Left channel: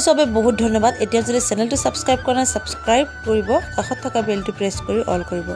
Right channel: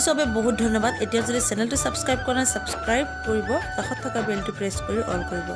চাইছোঁ বাবে বহুত ধন্যবাদ। এতিয়া যদি চেনেলটো ছাবস্ক্ৰাইব কৰা নাই ছাবস্ক্ৰাইব কৰিব, কাষত থকা বেলটো প্ৰেছ কৰি অল কৰিব।